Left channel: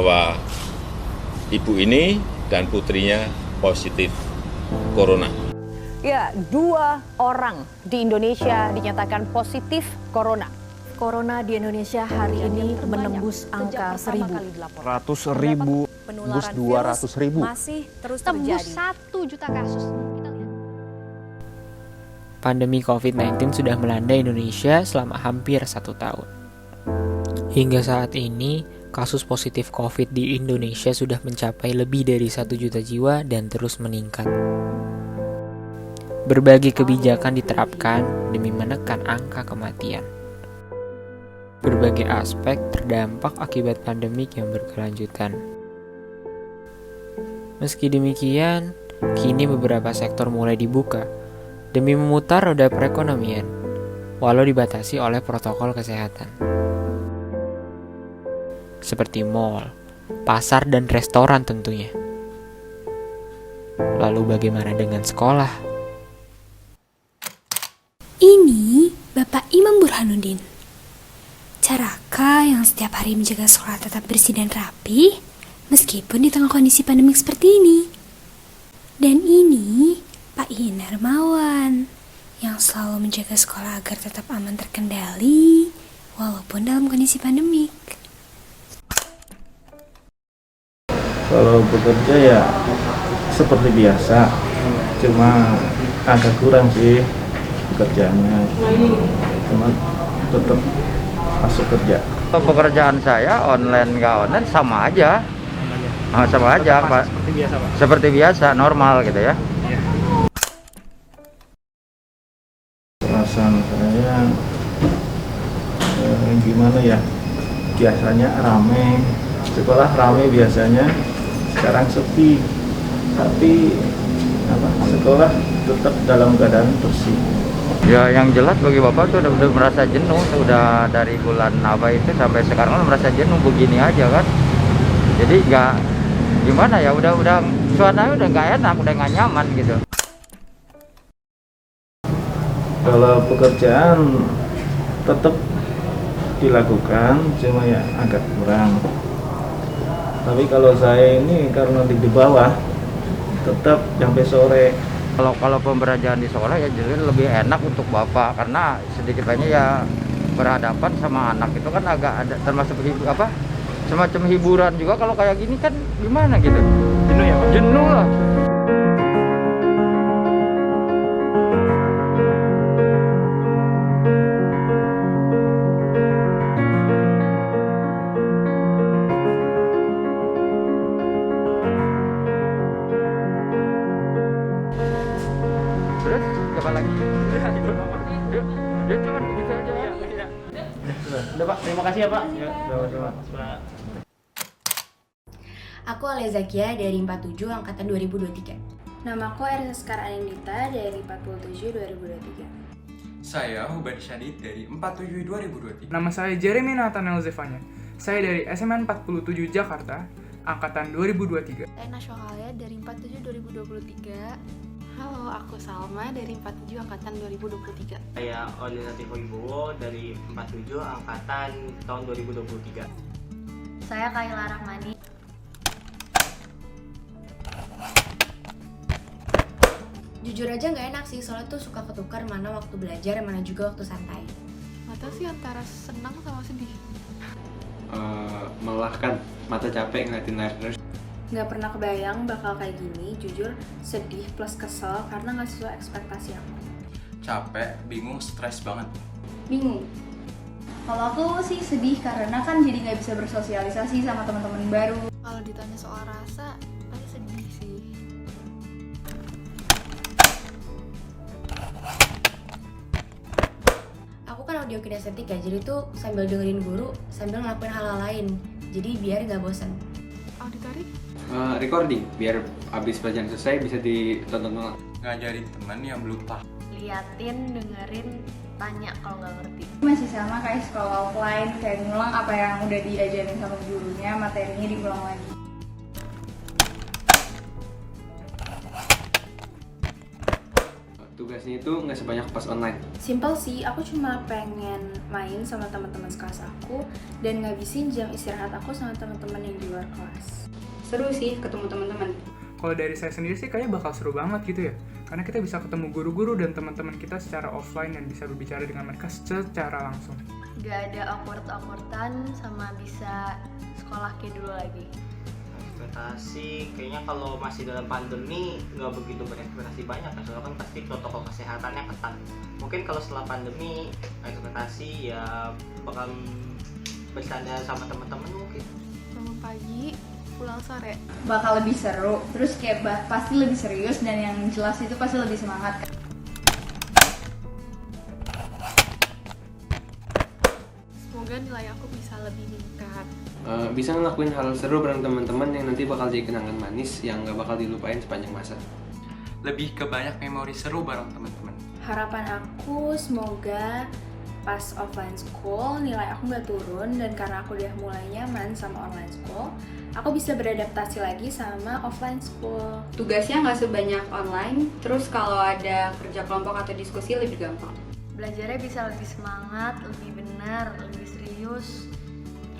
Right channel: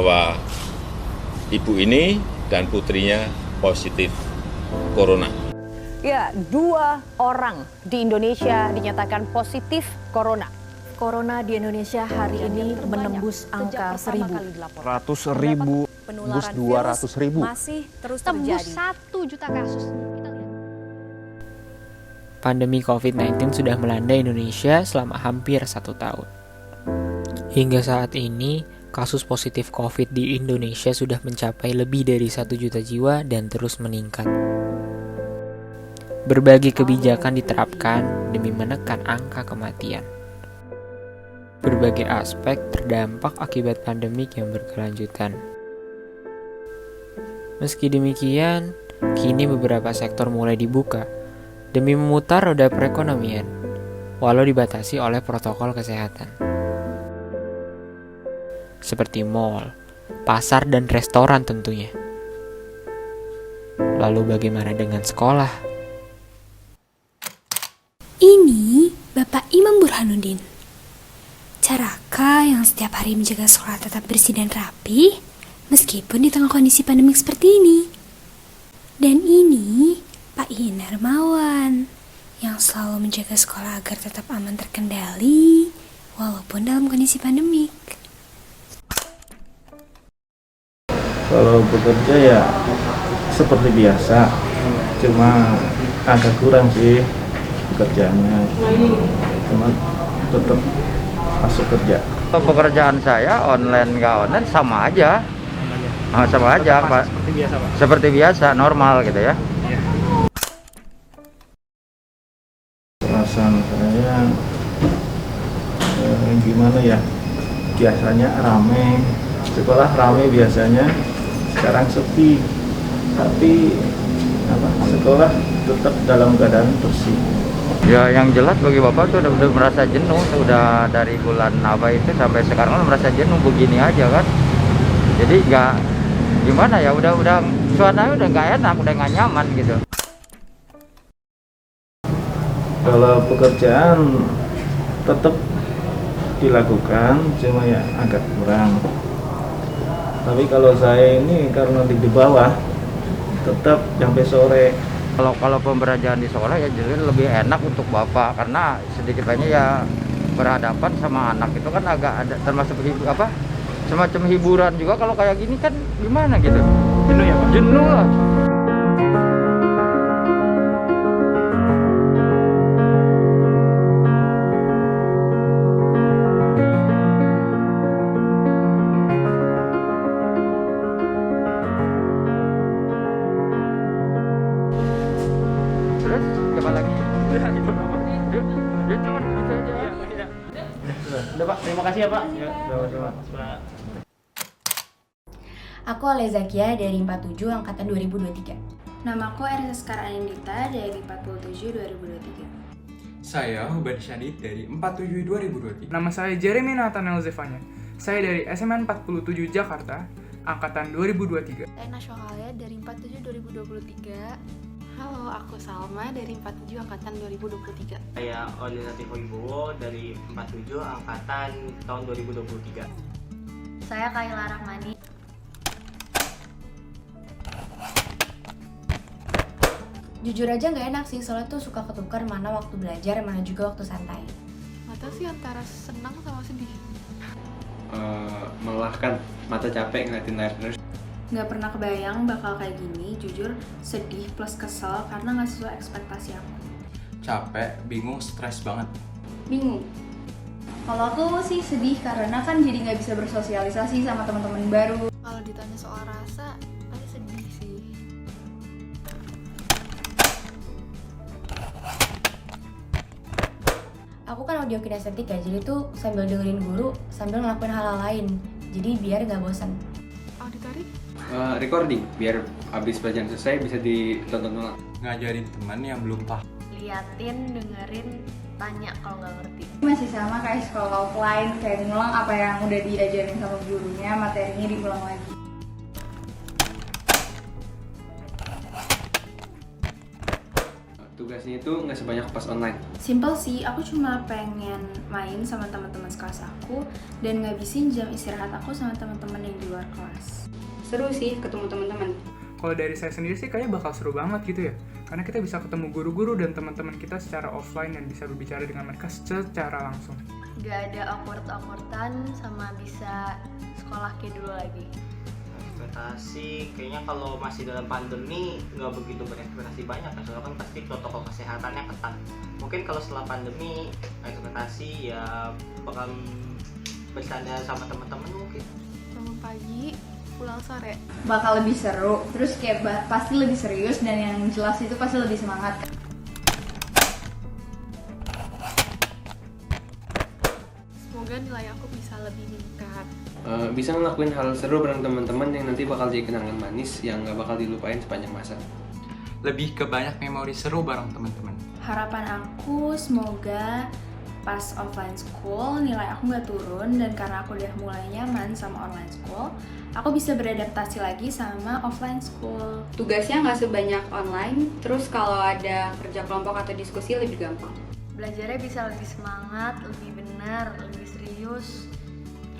bahwa ibu ini dan putrinya positif corona. Ya, 2 orang di Indonesia dinyatakan positif corona. Corona di Indonesia hari ini menembus angka 1.000. 100.000, tembus 200.000. Masih terus terjadi. Tembus 1 juta kasus. Kita lihat. Pandemi COVID-19 sudah melanda Indonesia selama hampir 1 tahun. Hingga saat ini, kasus positif COVID di Indonesia sudah mencapai lebih dari 1 juta jiwa dan terus meningkat. Berbagai kebijakan diterapkan demi menekan angka kematian. Berbagai aspek terdampak akibat pandemik yang berkelanjutan. Meski demikian, kini beberapa sektor mulai dibuka demi memutar roda perekonomian, walau dibatasi oleh protokol kesehatan. Seperti mal, pasar, dan restoran tentunya. Lalu bagaimana dengan sekolah? Ini Bapak Imam Burhanuddin. Carakah yang setiap hari menjaga sekolah tetap bersih dan rapi, meskipun di tengah kondisi pandemik seperti ini. Dan ini Pak Iin Hermawan, yang selalu menjaga sekolah agar tetap aman terkendali, walaupun dalam kondisi pandemik. Kalau bekerja ya seperti biasa, cuma agak kurang sih pekerjaannya, cuma tetap masuk kerja. Pekerjaan saya online nggak online sama aja, sama aja Pak. Seperti biasa Pak. Seperti biasa, normal gitu ya. Perasaan saya gimana ya? Biasanya rame, sekolah rame biasanya, sekarang sepi. Tapi sekolah tetap dalam keadaan bersih. Ya yang jelas bagi Bapak tuh udah merasa jenuh, sudah dari bulan apa itu sampai sekarang kan merasa jenuh begini aja kan. Jadi nggak gimana ya, udah suasananya udah nggak enak, udah nggak nyaman gitu. Kalau pekerjaan tetap dilakukan, cuma ya agak kurang. Tapi kalau saya ini karena di bawah, tetap sampai sore. Kalau pembelajaran di sekolah ya jadi lebih enak untuk Bapak, karena sedikit banyak ya berhadapan sama anak itu kan agak ada termasuk semacam hiburan juga. Kalau kayak gini kan gimana gitu, Jenuh ya Pak? jenuh lah. Terus siapa lagi? Dia cuma gitu aja. Udah Pak, terima kasih ya Pak. Ya, sama-sama. Aku Alezakia dari 47 angkatan 2023. Namaku Erisa Sekar Anindita dari 47 2023. Saya Hubadi Syadid dari 47 2023. Nama saya Jeremy Nathanael Zevanya. Saya dari SMA 47 Jakarta, angkatan 2023. Saya Nasyohalia dari 47 2023. Halo, aku Salma dari 47 angkatan 2023. Saya Oli Latifah Wibowo dari 47 angkatan tahun 2023. Saya Kayla Rahmani. Jujur aja nggak enak sih, soalnya tuh suka ketukar mana waktu belajar, mana juga waktu santai. Mata sih antara senang sama sedih. Melelahkan, mata capek ngeliatin layar terus. Nggak pernah kebayang bakal kayak gini, jujur sedih plus kesel karena nggak sesuai ekspektasi aku. Capek, bingung, stres banget. Bingung. Kalau aku sih sedih karena kan jadi nggak bisa bersosialisasi sama teman-teman baru. Kalau ditanya soal rasa, pasti sedih sih. Aku kan audio kinestetik ya, jadi tuh sambil dengerin guru, sambil ngelakuin hal-hal lain. Jadi biar nggak bosan. Auditory? Recording, biar abis pelajaran selesai bisa ditonton ulang. Ngajarin teman yang belum paham. Liatin, dengerin, tanya kalau nggak ngerti. Masih sama kayak sekolah offline, kayak ngulang apa yang udah diajarin sama gurunya, materinya diulang lagi. Tugasnya itu nggak sebanyak pas online. Simple sih, aku cuma pengen main sama teman-teman sekelas aku dan ngabisin jam istirahat aku sama teman-teman yang di luar kelas. Seru sih ketemu teman-teman. Kalau dari saya sendiri sih kayaknya bakal seru banget gitu ya. Karena kita bisa ketemu guru-guru dan teman-teman kita secara offline dan bisa berbicara dengan mereka secara langsung. Gak ada awkward-awkwardan sama bisa sekolah kayak dulu lagi. Ekspektasi kayaknya kalau masih dalam pandemi nggak begitu berekspektasi banyak kan, soalnya kan pasti protokol kesehatannya ketat. Mungkin kalau setelah pandemi ekspektasi ya bakal bercanda sama teman-teman mungkin. Bangun pagi, pulang sore. Bakal lebih seru, terus kayak pasti lebih serius dan yang jelas itu pasti lebih semangat. Semoga nilai aku bisa lebih meningkat. Bisa ngelakuin hal seru bareng teman-teman yang nanti bakal jadi kenangan manis yang nggak bakal dilupain sepanjang masa. Lebih ke banyak memori seru bareng teman-teman. Harapan aku semoga pas offline school nilai aku nggak turun, dan karena aku udah mulai nyaman sama online school, aku bisa beradaptasi lagi sama offline school. Tugasnya nggak sebanyak online, terus kalau ada kerja kelompok atau diskusi lebih gampang. Belajarnya bisa lebih semangat, lebih benar, lebih serius.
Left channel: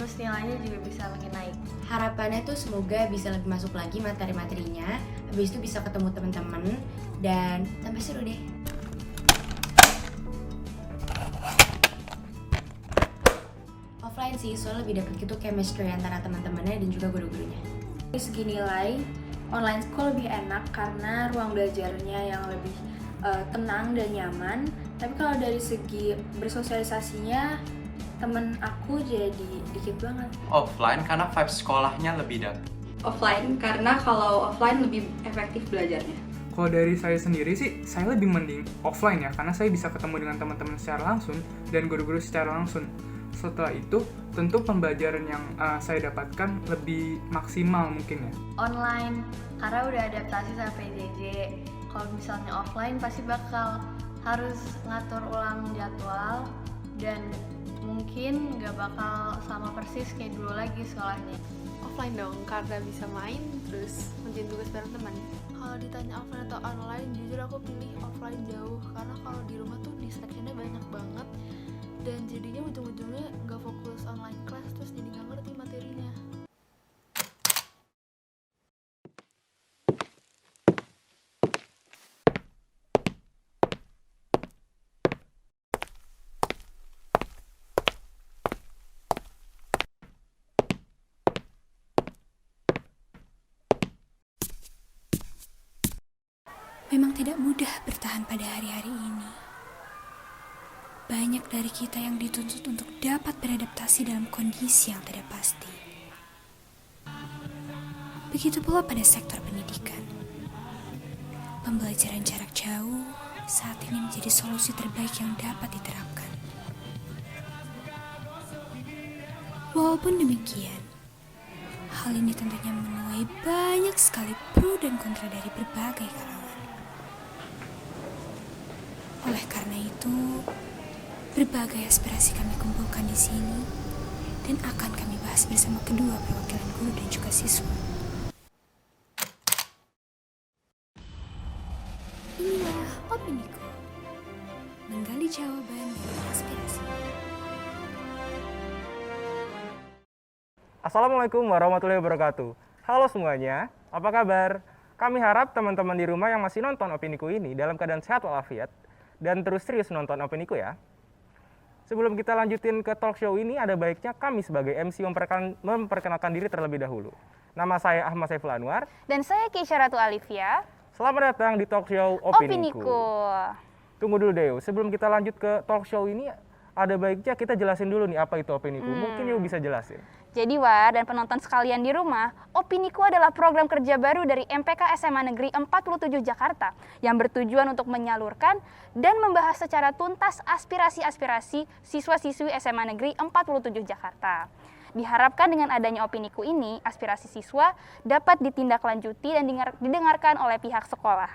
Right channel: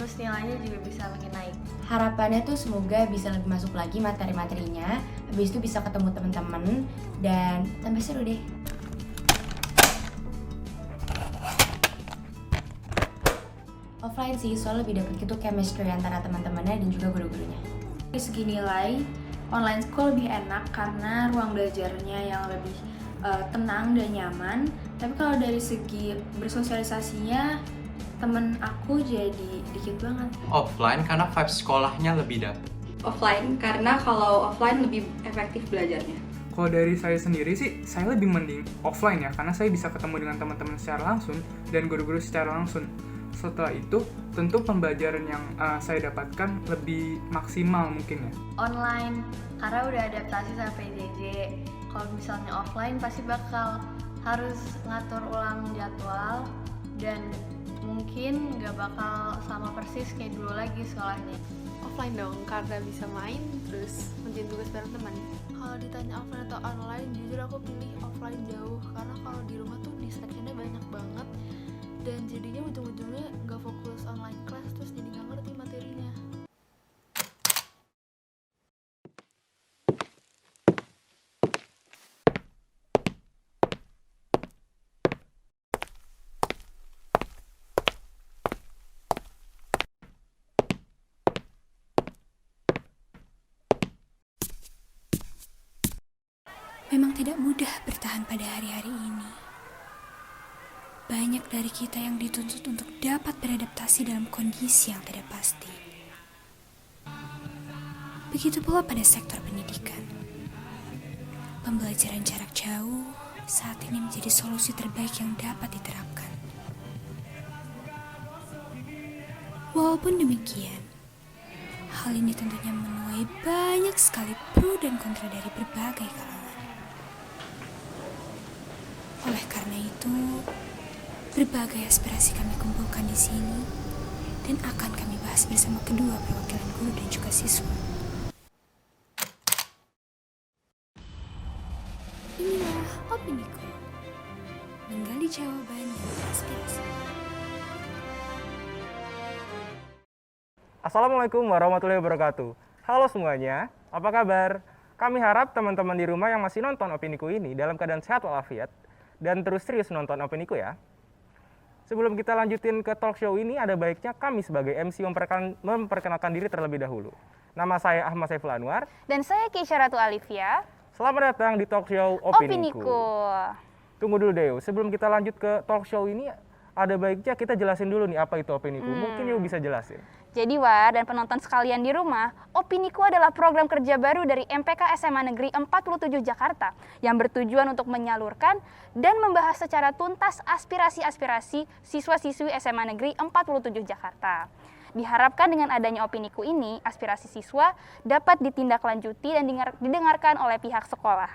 Terus nilainya juga bisa makin naik. Harapannya tuh semoga bisa lebih masuk lagi materi-materinya, habis itu bisa ketemu teman-teman dan tambah seru deh. Offline sih, soalnya lebih deket gitu chemistry antara teman-temannya dan juga guru-gurunya. Dari segi nilai, online school lebih enak karena ruang belajarnya yang lebih tenang dan nyaman. Tapi kalau dari segi bersosialisasinya, temen aku jadi dikit banget. Offline karena vibe sekolahnya lebih dapet. Offline karena kalau offline lebih efektif belajarnya. Kalau dari saya sendiri sih, saya lebih mending offline ya, karena saya bisa ketemu dengan teman-teman secara langsung dan guru-guru secara langsung. Setelah itu, tentu pembelajaran yang saya dapatkan lebih maksimal mungkin ya. Online, karena udah adaptasi sama PJJ. Kalau misalnya offline pasti bakal harus ngatur ulang jadwal dan mungkin nggak bakal sama persis kayak dulu lagi sekolahnya. Offline dong, karena bisa main terus ngerjain tugas bareng teman. Kalau ditanya offline atau online, jujur aku pilih offline jauh, karena kalau di rumah tuh distractionnya banyak banget dan jadinya ujung-ujungnya nggak fokus online class, terus jadi nggak ngerti materinya. Memang tidak mudah bertahan pada hari-hari ini. Banyak dari kita yang dituntut untuk dapat beradaptasi dalam kondisi yang tidak pasti. Begitu pula pada sektor pendidikan. Pembelajaran jarak jauh saat ini menjadi solusi terbaik yang dapat diterapkan. Walaupun demikian, hal ini tentunya menuai banyak sekali pro dan kontra dari berbagai kalangan. Oleh karena itu, berbagai aspirasi kami kumpulkan di sini dan akan kami bahas bersama kedua perwakilan guru dan juga siswa. Inilah Opiniku, menggali jawaban dan aspirasi. Assalamualaikum warahmatullahi wabarakatuh. Halo semuanya, apa kabar? Kami harap teman-teman di rumah yang masih nonton Opiniku ini dalam keadaan sehat walafiat dan terus serius nonton Opiniku ya. Sebelum kita lanjutin ke talk show ini, ada baiknya kami sebagai MC memperkenalkan diri terlebih dahulu. Nama saya Ahmad Saiful Anwar. Dan saya Keisha Ratu Alivia. Selamat datang di talk show Opiniku. Tunggu dulu Deo, sebelum kita lanjut ke talk show ini, ada baiknya kita jelasin dulu nih apa itu Opiniku. Mungkin you bisa jelasin. Jadi War dan penonton sekalian di rumah, Opiniku adalah program kerja baru dari MPK SMA Negeri 47 Jakarta yang bertujuan untuk menyalurkan dan membahas secara tuntas aspirasi-aspirasi siswa-siswi SMA Negeri 47 Jakarta. Diharapkan dengan adanya Opiniku ini, aspirasi siswa dapat ditindaklanjuti dan didengarkan oleh pihak sekolah.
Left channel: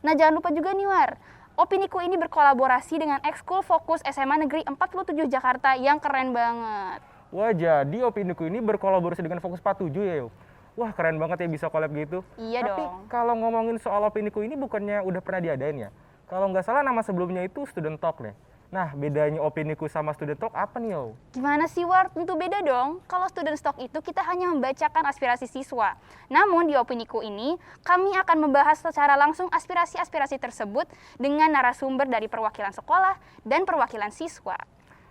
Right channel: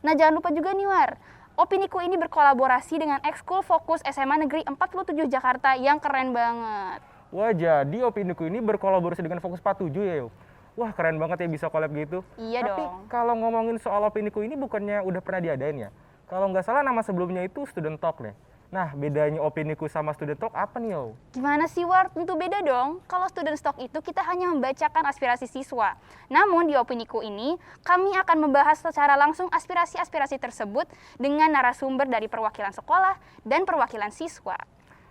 Nah jangan lupa juga nih War, Opiniku ini berkolaborasi dengan Ekskul Fokus SMA Negeri 47 Jakarta yang keren banget. Wah, jadi Opiniku ini berkolaborasi dengan Fokus 47 ya, Yo? Wah, keren banget ya bisa collab gitu. Iya Tapi dong. kalau ngomongin soal Opiniku ini bukannya udah pernah diadain ya? Kalau nggak salah nama sebelumnya itu Student Talk nih. Nah, bedanya Opiniku sama Student Talk apa nih, Yo? Gimana sih, War? Tentu beda dong. Kalau Student Talk itu kita hanya membacakan aspirasi siswa. Namun di Opiniku ini, kami akan membahas secara langsung aspirasi-aspirasi tersebut dengan narasumber dari perwakilan sekolah dan perwakilan siswa.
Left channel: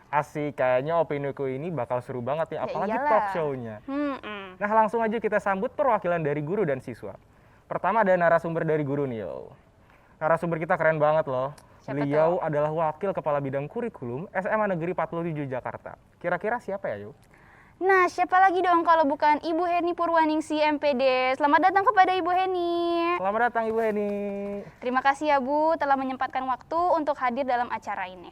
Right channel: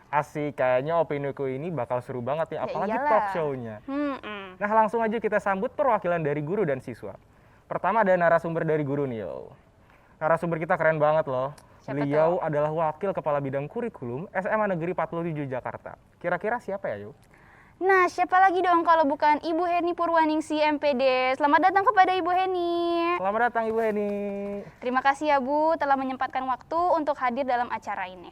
Asik, kayaknya Opiniku ini bakal seru banget ya, apalagi iyalah. talk show-nya. Nah, langsung aja kita sambut perwakilan dari guru dan siswa. Pertama ada narasumber dari guru nih, Yo. Narasumber kita keren banget loh. Beliau adalah Wakil Kepala Bidang Kurikulum SMA Negeri 47 Jakarta. Kira-kira siapa ya, Yu? Nah, siapa lagi dong kalau bukan Ibu Heni Purwaningsi MPD. Selamat datang kepada Ibu Heni. Selamat datang Ibu Heni. Terima kasih ya Bu telah menyempatkan waktu untuk hadir dalam acara ini.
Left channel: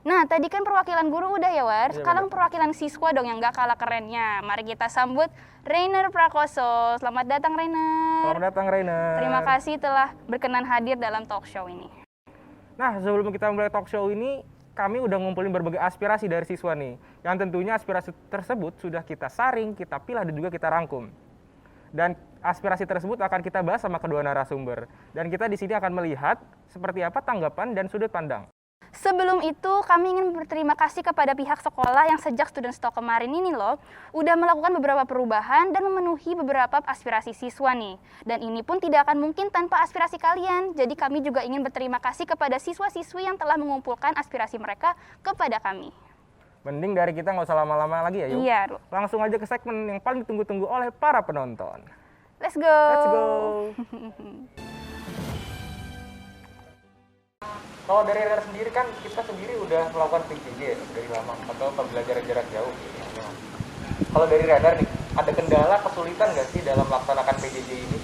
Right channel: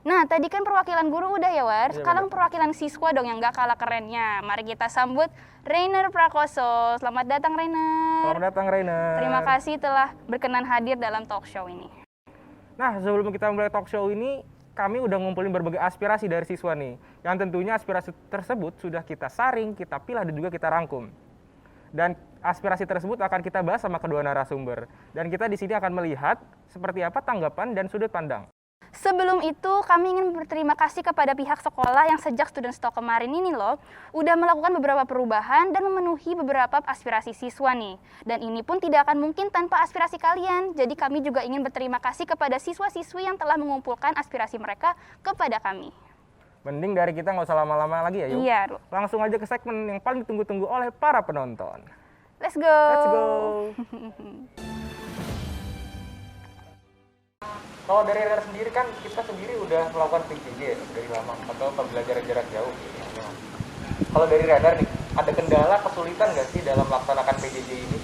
Nah, tadi kan perwakilan guru udah ya, War. Sekarang perwakilan siswa dong yang gak kalah kerennya. Mari kita sambut Rainer Prakoso. Selamat datang, Rainer. Selamat datang, Rainer. Terima kasih telah berkenan hadir dalam talk show ini. Nah, sebelum kita mulai talk show ini, kami udah ngumpulin berbagai aspirasi dari siswa nih. Yang tentunya aspirasi tersebut sudah kita saring, kita pilah, dan juga kita rangkum. Dan aspirasi tersebut akan kita bahas sama kedua narasumber. Dan kita di sini akan melihat seperti apa tanggapan dan sudut pandang. Sebelum itu, kami ingin berterima kasih kepada pihak sekolah yang sejak Student Talk kemarin ini loh, udah melakukan beberapa perubahan dan memenuhi beberapa aspirasi siswa nih. Dan ini pun tidak akan mungkin tanpa aspirasi kalian. Jadi kami juga ingin berterima kasih kepada siswa-siswi yang telah mengumpulkan aspirasi mereka kepada kami. Mending dari kita nggak usah lama-lama lagi ya, Yuk. Iya, langsung aja ke segmen yang paling ditunggu-tunggu oleh para penonton. Let's go! Let's go! Kalau dari Rainer sendiri kan kita sendiri udah melakukan PJJ dari lama atau pembelajaran jarak jauh. Kalau dari Rainer nih, ada kendala kesulitan nggak sih dalam melaksanakan PJJ ini?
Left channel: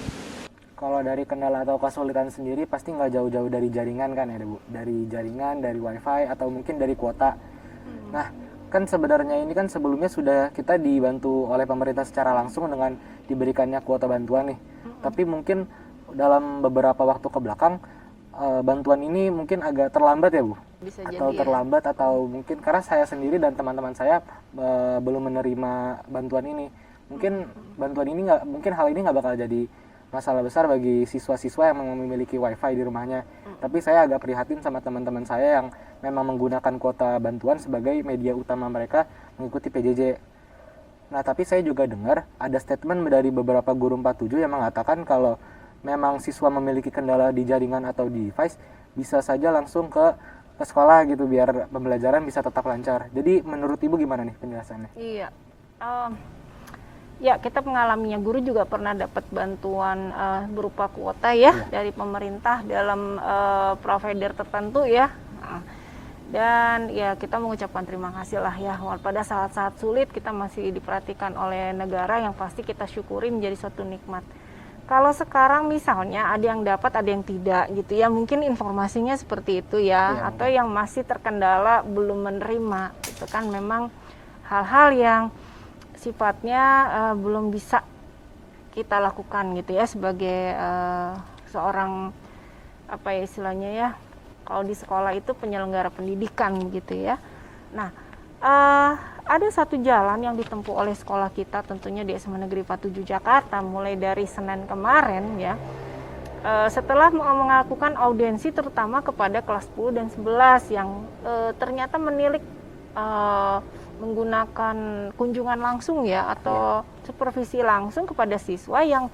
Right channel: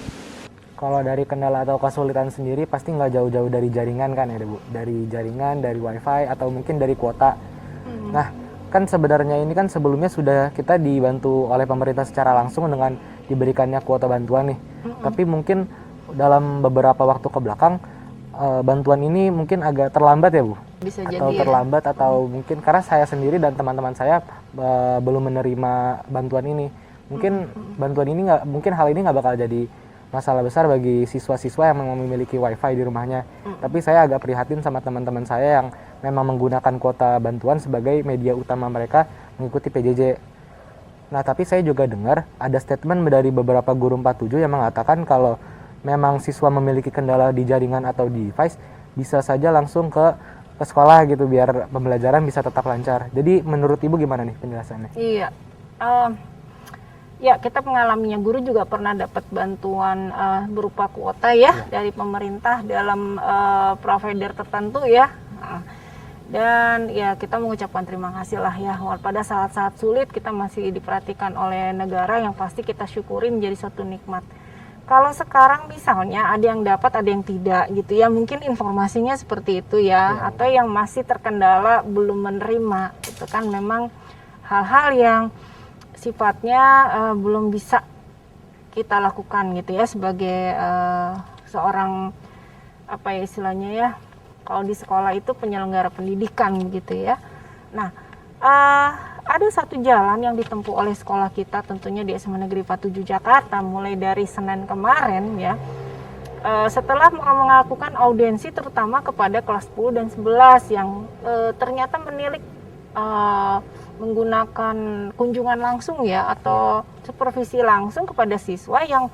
Kalau dari kendala atau kesulitan sendiri pasti nggak jauh-jauh dari jaringan kan ya, Bu? Dari jaringan, dari wifi, atau mungkin dari kuota. Nah, kan sebenarnya ini kan sebelumnya sudah kita dibantu oleh pemerintah secara langsung dengan diberikannya kuota bantuan nih. Tapi mungkin dalam beberapa waktu ke belakang, bantuan ini mungkin agak terlambat ya, Bu? Bisa atau jadi terlambat ya? Atau mungkin karena saya sendiri dan teman-teman saya belum menerima bantuan ini. Mungkin bantuan ini mungkin hal ini nggak bakal jadi masalah besar bagi siswa-siswa yang memiliki wifi di rumahnya. Tapi saya agak prihatin sama teman-teman saya yang memang menggunakan kuota bantuan sebagai media utama mereka mengikuti PJJ. Nah, tapi saya juga dengar ada statement dari beberapa guru 47 yang mengatakan kalau memang siswa memiliki kendala di jaringan atau di device, bisa saja langsung ke sekolah gitu biar pembelajaran bisa tetap lancar. Jadi menurut Ibu gimana nih penjelasannya? Iya, ya kita mengalaminya, guru juga pernah dapat bantuan berupa kuota ya dari pemerintah dalam provider tertentu ya. Dan ya kita mengucapkan terima kasih lah ya, pada saat-saat sulit kita masih diperhatikan oleh negara yang pasti kita syukuri menjadi suatu nikmat. Kalau sekarang misalnya ada yang dapat, ada yang tidak gitu ya, mungkin informasinya seperti itu ya, atau yang masih terkendala belum menerima, itu kan memang hal-hal yang sifatnya belum bisa kita lakukan gitu ya sebagai seorang apa ya istilahnya ya, kalau di sekolah itu penyelenggara pendidikan gitu ya. Nah, ada satu jalan yang ditempuh oleh sekolah kita tentunya di SMA Negeri 47 Jakarta mulai dari Senin kemarin ya. Setelah melakukan audiensi terutama kepada kelas 10 dan 11 yang ternyata menilik menggunakan kunjungan langsung ya atau supervisi langsung kepada siswa yang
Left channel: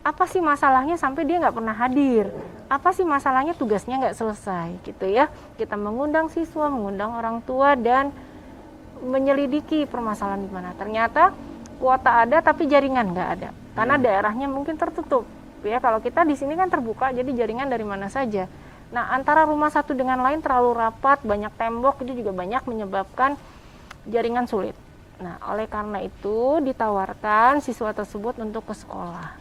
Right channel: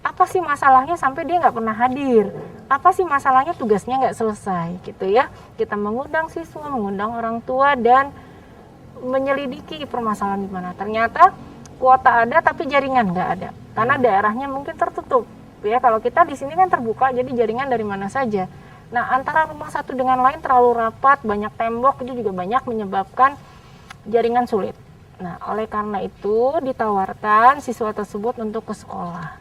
apa sih masalahnya sampai dia nggak pernah hadir, apa sih masalahnya tugasnya nggak selesai gitu ya. Kita mengundang siswa, mengundang orang tua dan menyelidiki permasalahan di mana. Ternyata kuota ada tapi jaringan nggak ada karena daerahnya mungkin tertutup ya. Kalau kita di sini kan terbuka, jadi jaringan dari mana saja. Nah, antara rumah satu dengan lain terlalu rapat, banyak tembok, itu juga banyak menyebabkan jaringan sulit. Nah, oleh karena itu ditawarkan siswa tersebut untuk ke sekolah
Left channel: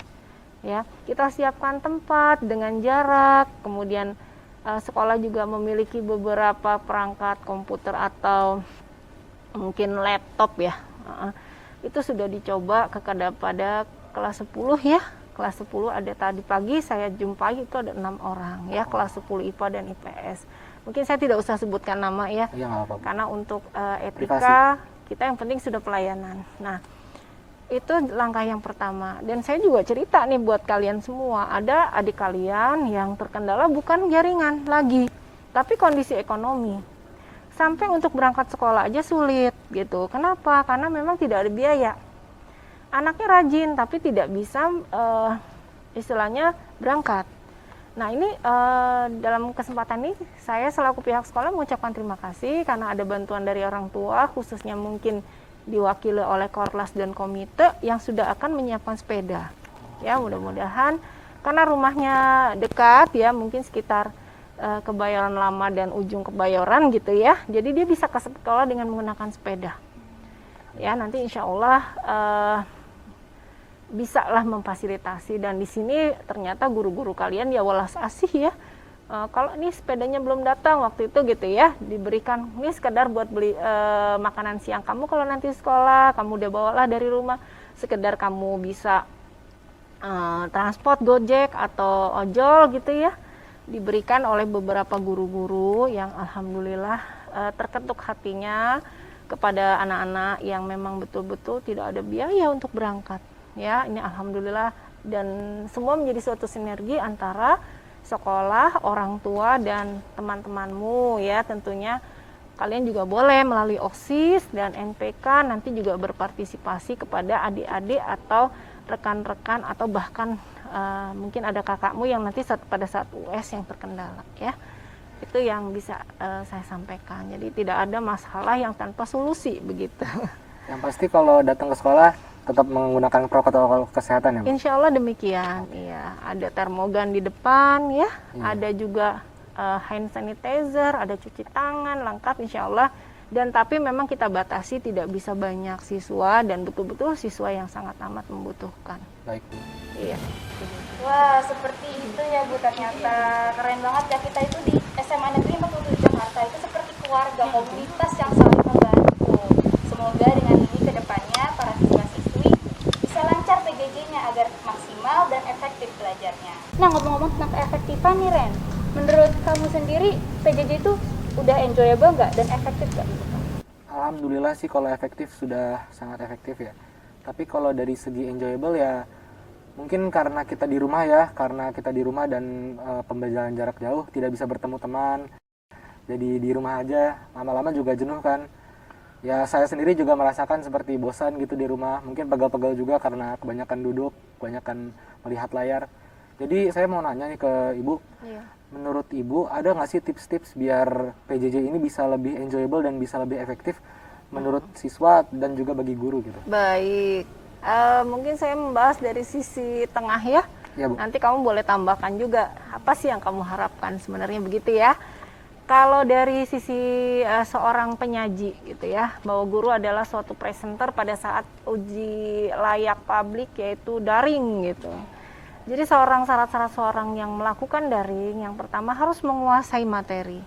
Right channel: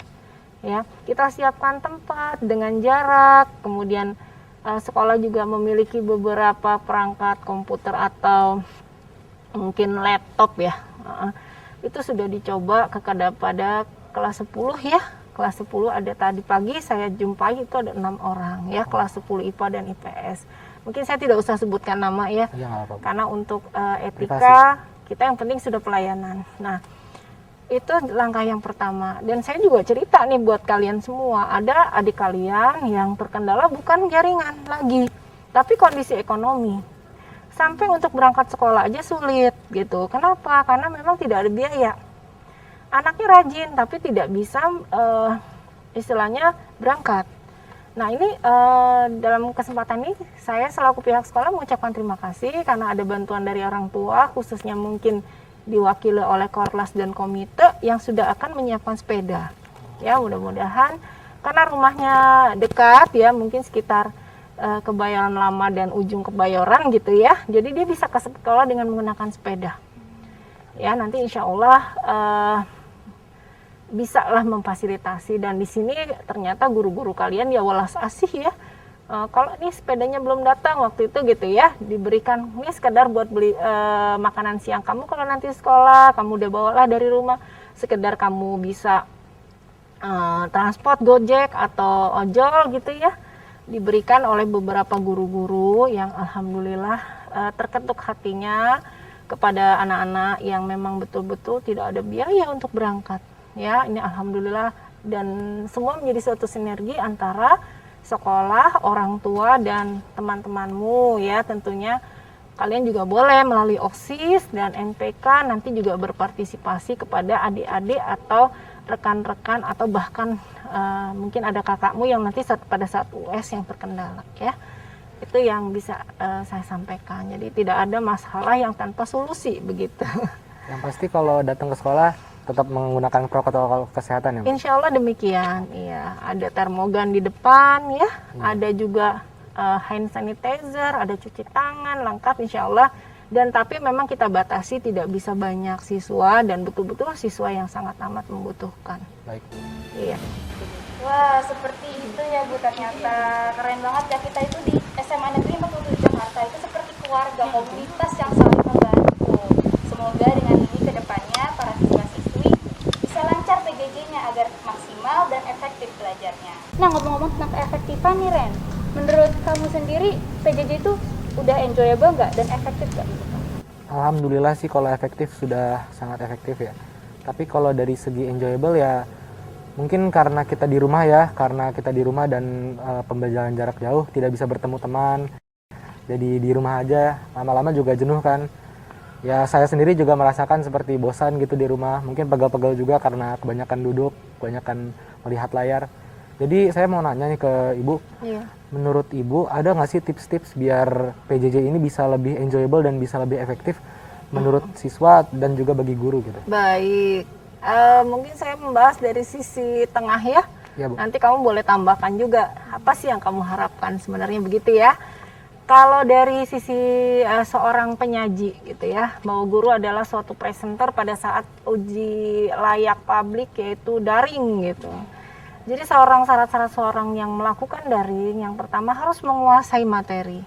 ya. Kita siapkan tempat dengan jarak, kemudian sekolah juga memiliki beberapa perangkat komputer atau mungkin laptop ya. Itu sudah dicoba pada kelas 10 ya. Kelas 10 ada tadi pagi saya jumpai itu ada 6 orang ya, kelas 10 IPA dan IPS. Mungkin saya tidak usah sebutkan nama ya, karena untuk etika kita yang penting sudah pelayanan. Nah, Itu langkah yang pertama. Dan saya juga cerita nih buat kalian semua, ada adik kalian yang terkendala bukan jaringan lagi, tapi kondisi ekonomi. Sampai untuk berangkat sekolah aja sulit gitu. Kenapa? Karena memang tidak ada biaya. Anaknya rajin tapi tidak bisa istilahnya berangkat. Nah ini dalam kesempatan ini saya selaku pihak sekolah mengucapkan terima kasih karena ada bantuan dari orang tua, khususnya mungkin diwakili oleh Korlas dan komite yang sudah akan menyiapkan sepeda. Ya mudah-mudahan karena rumahnya dekat ya, mungkin sekitar Kebayoran Lama dan ujung Kebayoran gitu ya. Jadi dia bisa ke sekolah dengan menggunakan sepeda. Ya nanti insya Allah bisa lah memfasilitasi, dan di sini ternyata guru-guru kalian ya welas asih ya. Kalau ini sepedanya belum datang waktu itu gitu ya, diberikan ini sekedar buat beli makanan siang kamu kalau nanti sekolah, kamu udah bawalah dari rumah, sekedar kamu bisa transport Gojek atau ojol gitu ya, diberikan oleh beberapa guru-guru yang alhamdulillah terketuk hatinya kepada anak-anak yang memang betul-betul tidak ada biaya untuk berangkat. Ya, ini alhamdulillah, dan semua menjadi suatu sinergi antara sekolah, orang tua, dan teman-temanmu ya. Tentunya kalian juga boleh melalui OSIS dan NPK nanti juga berpartisipasi kepada adik-adik atau rekan-rekan, atau bahkan mungkin ada kakakmu yang nanti pada saat US yang terkendala ya. Itu yang bisa saya sampaikan. Jadi tidak ada masalah yang tanpa solusi begitu. Yang pasti kalau datang ke sekolah tetap menggunakan protokol kesehatan ya, Bu? Insya Allah demikian, iya. Ada termogan di depan ya, ada juga hand sanitizer, ada cuci tangan, lengkap insya Allah. Dan tapi memang kita batasi tidak bisa banyak siswa dan betul-betul siswa yang sangat amat membutuhkan. Baik. Iya. Wah, seperti itu ya Bu, ternyata keren banget ya, kita itu di SMA Negeri 47 Jakarta itu seperti keluarga, komunitas yang saling membantu. Semoga dengan ini ke depannya para siswa-siswi bisa lancar PJJ-nya agar maksimal dan efektif belajarnya. Nah, ngomong-ngomong tentang keefektifan nih Ren, menurut kamu sendiri PJJ itu udah enjoyable nggak dan efektif nggak? Alhamdulillah sih kalau efektif sudah sangat efektif ya. Tapi kalau dari segi enjoyable ya mungkin karena kita di rumah ya, dan pembelajaran jarak jauh, tidak bisa bertemu teman. Jadi di rumah aja, lama-lama juga jenuh kan. Ya saya sendiri juga merasakan seperti bosan gitu di rumah, mungkin pegel-pegel juga karena kebanyakan duduk, kebanyakan melihat layar. Jadi saya mau nanya nih ke Ibu, menurut Ibu ada nggak sih tips-tips biar PJJ ini bisa lebih enjoyable dan bisa lebih efektif menurut siswa dan juga bagi guru gitu? Baik, mungkin saya membahas dari sisi tengah ya. Ya, Bu. Nanti kamu boleh tambahkan juga apa sih yang kamu harapkan sebenarnya begitu ya. Kalau dari sisi seorang penyaji gitu ya, bahwa guru adalah suatu presenter pada saat uji layak publik yaitu daring gitu. Jadi syarat-syarat seorang yang melakukan daring, yang pertama harus menguasai materi.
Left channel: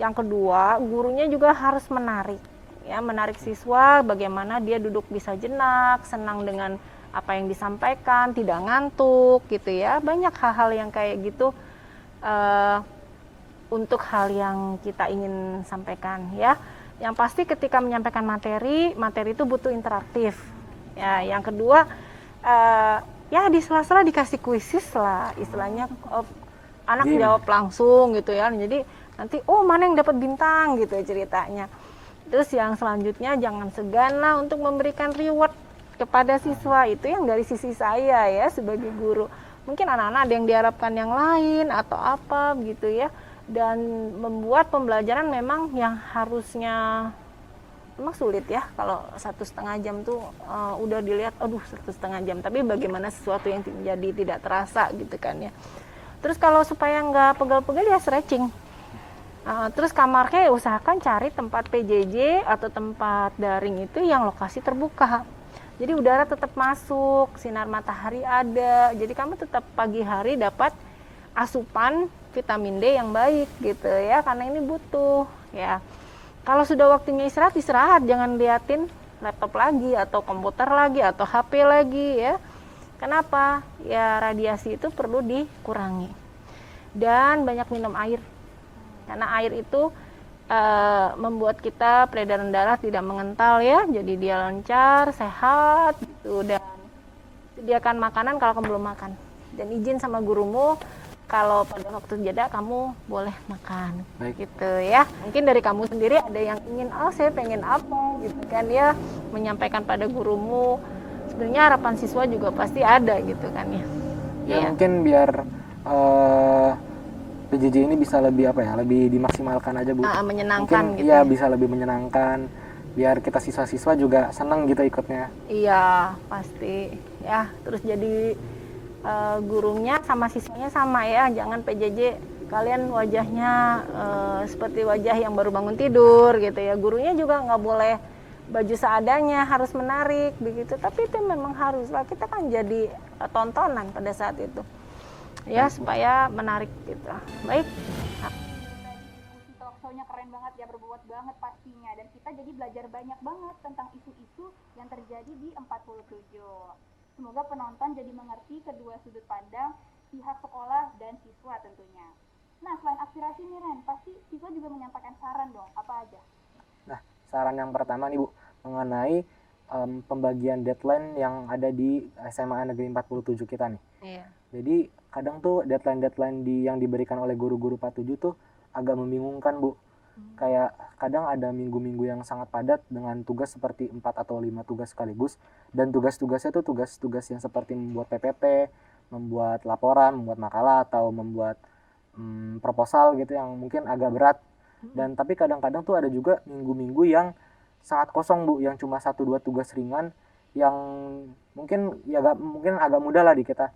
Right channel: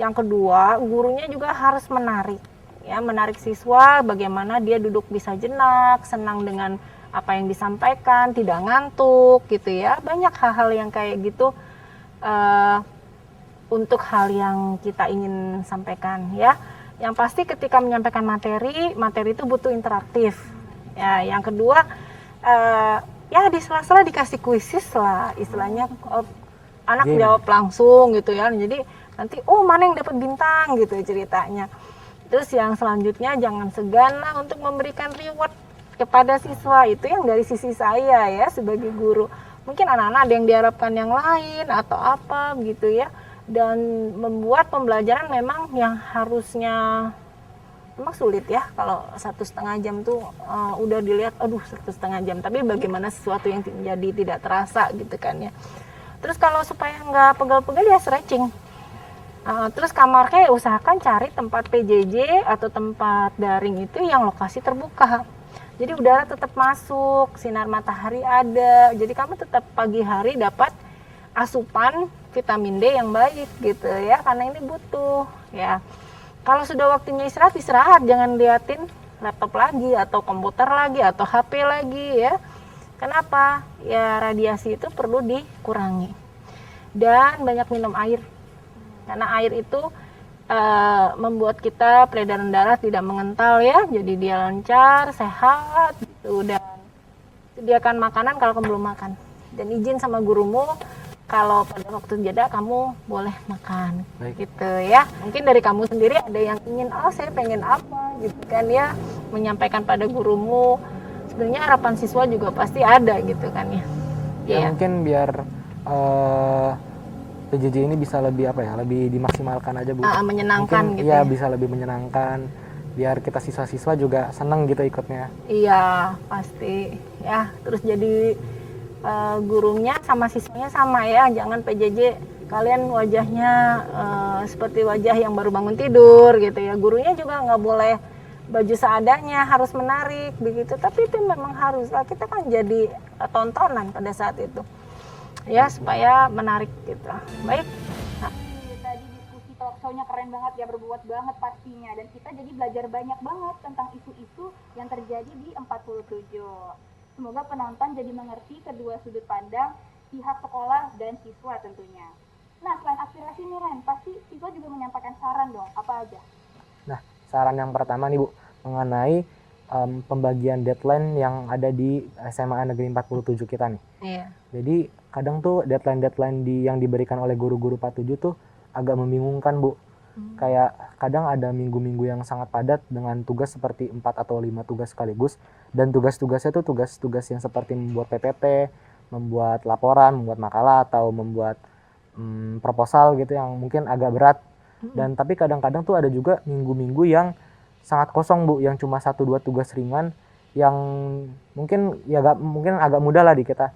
Yang kedua, gurunya juga harus menarik. Ya, menarik siswa bagaimana dia duduk bisa jenak, senang dengan apa yang disampaikan, tidak ngantuk gitu ya. Banyak hal-hal yang kayak gitu untuk hal yang kita ingin sampaikan ya. Yang pasti ketika menyampaikan materi itu butuh interaktif. Ya, yang kedua ya di sela-sela dikasih kuisis lah istilahnya, anak jawab langsung gitu ya. Jadi nanti mana yang dapat bintang gitu ceritanya. Terus yang selanjutnya jangan segan lah untuk memberikan reward kepada siswa, itu yang dari sisi saya ya sebagai guru. Mungkin anak-anak ada yang diharapkan yang lain atau apa gitu ya. Dan membuat pembelajaran memang yang harusnya memang sulit ya, kalau 1,5 jam tuh udah dilihat 1,5 jam, tapi bagaimana sesuatu yang jadi tidak terasa gitu kan ya. Terus kalau supaya nggak pegel-pegel ya stretching. Terus kamarnya usahakan cari tempat PJJ atau tempat daring itu yang lokasi terbuka, jadi udara tetap masuk, sinar matahari ada, jadi kamu tetap pagi hari dapat asupan vitamin D yang baik gitu ya, karena ini butuh ya. Kalau sudah waktunya istirahat, jangan liatin laptop lagi atau komputer lagi atau HP lagi ya. Kenapa? Ya radiasi itu perlu dikurangi. Dan banyak minum air. Karena air itu membuat kita peredaran darah tidak mengental ya, jadi dia lancar, sehat gitu, dan sediakan makanan kalau kamu belum makan, dan izin sama gurumu kalau pada waktu jeda kamu boleh makan. Baik. Gitu ya. Mungkin dari kamu sendiri ada yang ingin, saya pengen apa gitu kan ya, menyampaikan pada gurumu. Sebenarnya harapan siswa juga pasti ada gitu kan ya. Ya mungkin biar PJJ ini bisa lebih lebih dimaksimalkan aja Bu. Menyenangkan mungkin, gitu. Iya, bisa lebih menyenangkan. Biar kita siswa-siswa juga senang gitu ikutnya. Iya, pasti. Ya, terus jadi gurunya sama siswanya sama ya, jangan PJJ kalian wajahnya seperti wajah yang baru bangun tidur gitu ya. Gurunya juga nggak boleh baju seadanya, harus menarik begitu, tapi itu memang harus lah, kita kan jadi tontonan pada saat itu ya, supaya menarik gitu. Baik. Tadi diskusi talk show-nya keren banget ya, berbobot banget pastinya, dan kita jadi belajar banyak banget tentang isu-isu yang terjadi di 47. Semoga penonton jadi mengerti kedua sudut pandang pihak sekolah dan siswa tentunya. Nah, selain aspirasi nih Ren, pasti siswa juga menyampaikan saran dong, apa aja? Nah, saran yang pertama nih Bu, mengenai pembagian deadline yang ada di SMA Negeri 47 kita nih. Iya. Jadi kadang tuh deadline yang diberikan oleh guru-guru 47 tuh agak membingungkan Bu. Kayak kadang ada minggu-minggu yang sangat padat dengan tugas seperti 4 atau 5 tugas sekaligus, dan tugas-tugasnya itu tugas-tugas yang seperti membuat PPT, membuat laporan, membuat makalah, atau membuat proposal gitu yang mungkin agak berat. Dan tapi kadang-kadang tuh ada juga minggu-minggu yang sangat kosong Bu, yang cuma 1-2 tugas ringan yang mungkin agak mudah lah di kita.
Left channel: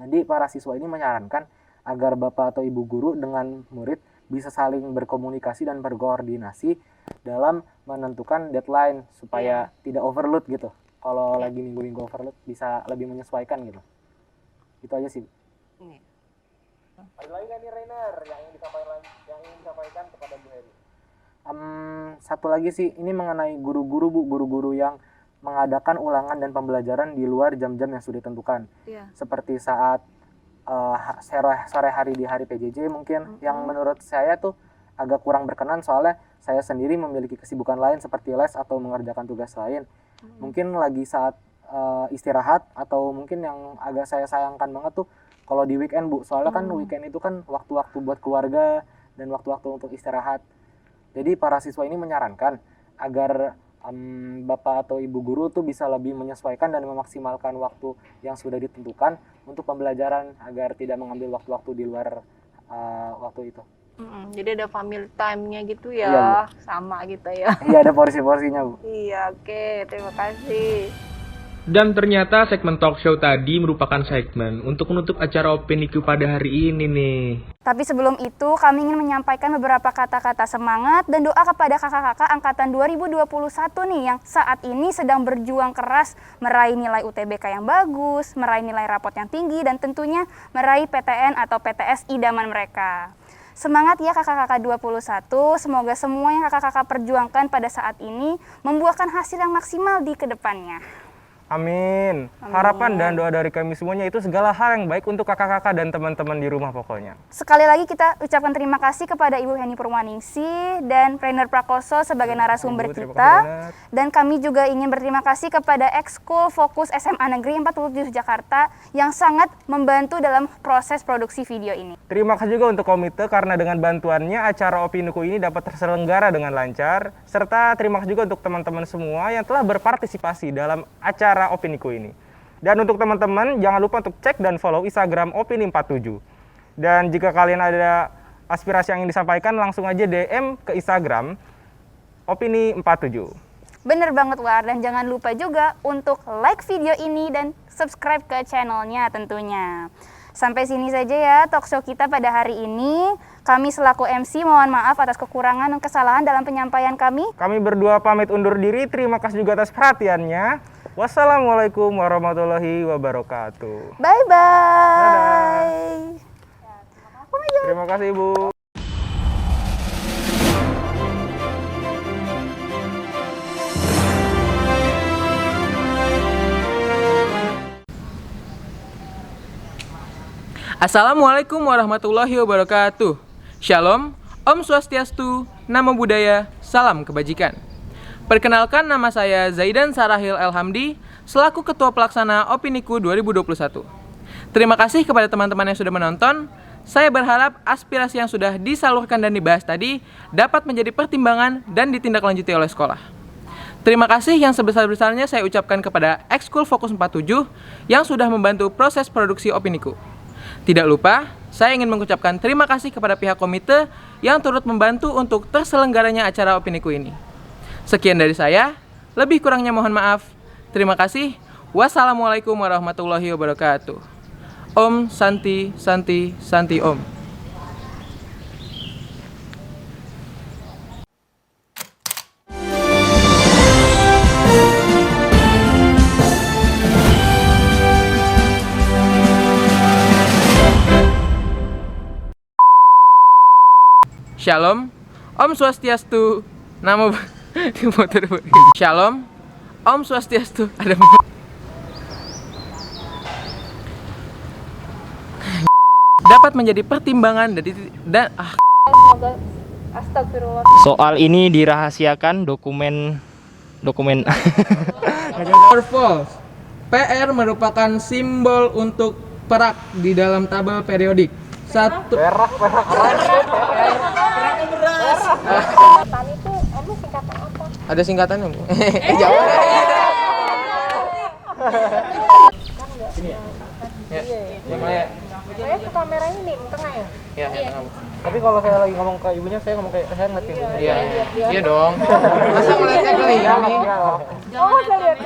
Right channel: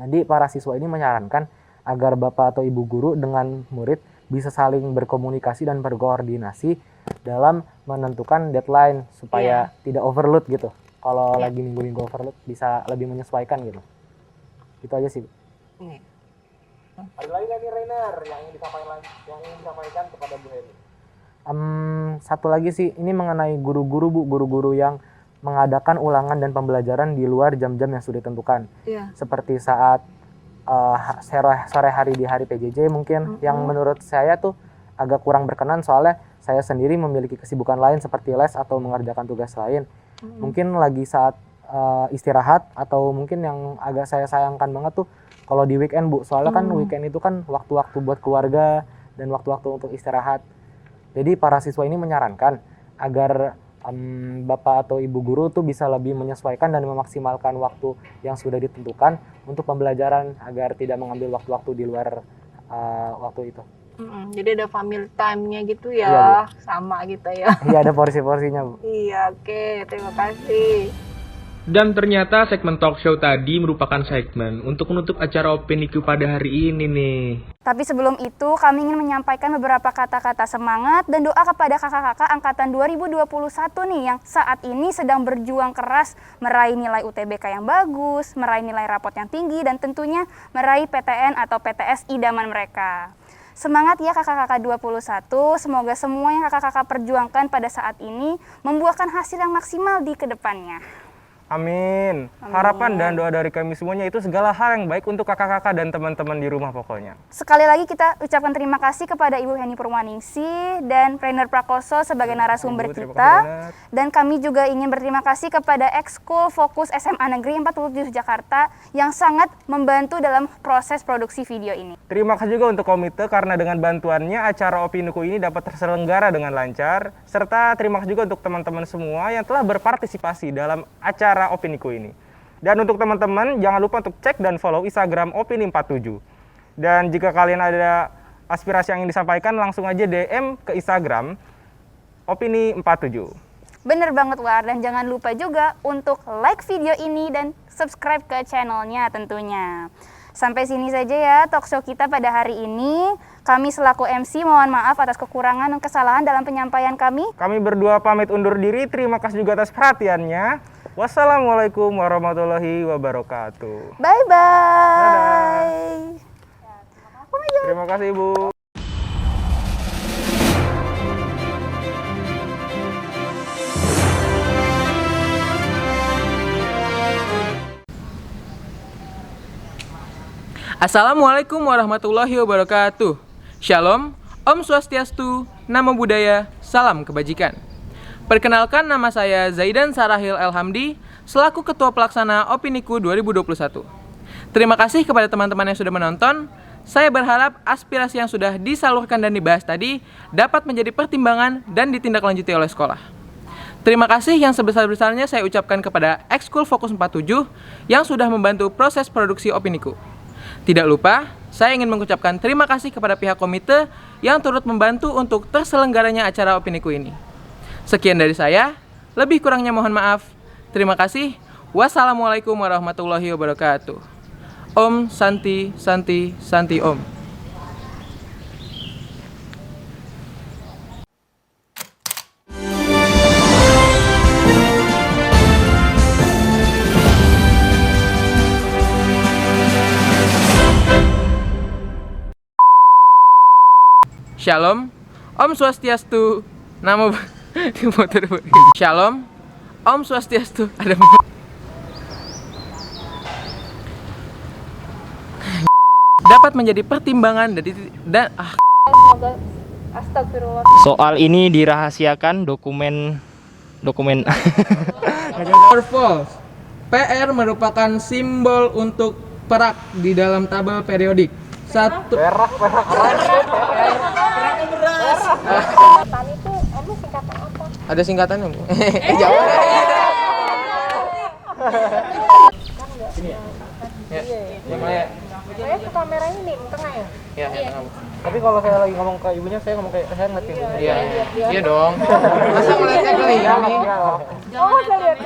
Jadi para siswa ini menyarankan agar Bapak atau Ibu guru dengan murid bisa saling berkomunikasi dan berkoordinasi dalam menentukan deadline supaya tidak overload gitu. Kalau lagi minggu-minggu overload bisa lebih menyesuaikan gitu. Itu aja sih. Ada lagi nggak nih Rainer yang ingin disampaikan kepada Bu Heli? Satu lagi sih, ini mengenai guru-guru Bu, guru-guru yang mengadakan ulangan dan pembelajaran di luar jam-jam yang sudah ditentukan. Seperti saat sore hari di hari PJJ mungkin, yang menurut saya tuh agak kurang berkenan, soalnya saya sendiri memiliki kesibukan lain seperti les atau mengerjakan tugas lain. Mungkin lagi saat istirahat, atau mungkin yang agak saya sayangkan banget tuh kalau di weekend Bu, soalnya kan weekend itu kan waktu-waktu buat keluarga dan waktu-waktu untuk istirahat. Jadi para siswa ini menyarankan agar Bapak atau Ibu guru tuh bisa lebih menyesuaikan dan memaksimalkan waktu yang sudah ditentukan untuk pembelajaran agar tidak mengambil waktu-waktu di luar waktu itu. Jadi ada family time-nya gitu ya, Iya, Bu. sama gitu ya. Iya, ada porsi-porsinya Bu. Iya, oke, terima kasih. Dan ternyata segmen talk show tadi merupakan segmen untuk menutup acara OpenIQ pada hari ini nih. Tapi sebelum itu, kami ingin menyampaikan beberapa kata-kata semangat dan doa kepada kakak-kakak angkatan 2021 nih yang saat ini sedang berjuang keras meraih nilai UTBK yang bagus, meraih nilai rapot yang tinggi, dan tentunya meraih PTN atau PTS idaman mereka. Semangat ya kakak-kakak 21, semoga semua yang kakak-kakak perjuangkan pada saat ini membuahkan hasil yang maksimal di kedepannya. Amin. Harapan dan doa dari kami semuanya itu segala hal yang baik untuk kakak-kakak dan teman-teman di rumah pokoknya. Sekali lagi kita ucapkan terima kasih kepada Ibu Heni Purwaningsih dan Rainer Prakoso sebagai narasumber kita. Dan kami juga ingin berterima kasih kepada Ekskul Fokus SMA Negeri 47 Jakarta yang sangat membantu dalam proses produksi video ini. Terima kasih juga untuk komite karena dengan bantuannya acara OpenIQ ini dapat terselenggara dengan lancar. Serta terima kasih juga untuk teman-teman semua yang telah berpartisipasi dalam acara OpenIQ ini. Dan untuk teman-teman jangan lupa untuk cek dan follow Instagram Opini47. Dan jika kalian ada aspirasi yang ingin disampaikan, langsung aja DM ke Instagram Opini47. Bener banget War, dan jangan lupa juga untuk like video ini dan subscribe ke channelnya tentunya. Sampai sini saja ya talk show kita pada hari ini. Kami selaku MC mohon maaf atas kekurangan dan kesalahan dalam penyampaian kami. Kami berdua pamit undur diri, terima kasih juga atas perhatiannya. Wassalamualaikum warahmatullahi wabarakatuh. Bye-bye. Terima kasih Ibu. Assalamualaikum warahmatullahi wabarakatuh. Shalom, Om Swastiastu, namo buddhaya, salam kebajikan. Perkenalkan, nama saya Zaidan Sarahil Elhamdi, selaku Ketua Pelaksana Opiniku 2021. Terima kasih kepada teman-teman yang sudah menonton. Saya berharap aspirasi yang sudah disalurkan dan dibahas tadi dapat menjadi pertimbangan dan ditindaklanjuti oleh sekolah. Terima kasih yang sebesar-besarnya saya ucapkan kepada Ekskul Fokus 47 yang sudah membantu proses produksi Opiniku. Tidak lupa, saya ingin mengucapkan terima kasih kepada pihak komite yang turut membantu untuk terselenggaranya acara Opiniku ini. Sekian dari saya, lebih kurangnya mohon maaf. Terima kasih. Wassalamualaikum warahmatullahi wabarakatuh. Om Santi Santi Santi Om. Shalom, Om Swastiastu, Namo Shalom, Om Swastiastu, ada dapat menjadi pertimbangan dan Astagfirullah. Soal ini dirahasiakan dokumen false. PR merupakan simbol untuk perak di dalam tabel periodik. Satu Singkatan itu emang singkatan apa? ada singkatannya, Bu. Jawab. Sini ya. Ya, Maya. Saya ke kamera ini di tengah ya? Ya, tengah. Tapi kalau saya lagi ngomong ke ibunya, saya ngomong kayak saya ngeliat ibunya. Iya. Iya dong. Masa ngeliatnya ke ini? Oh, saya lihat.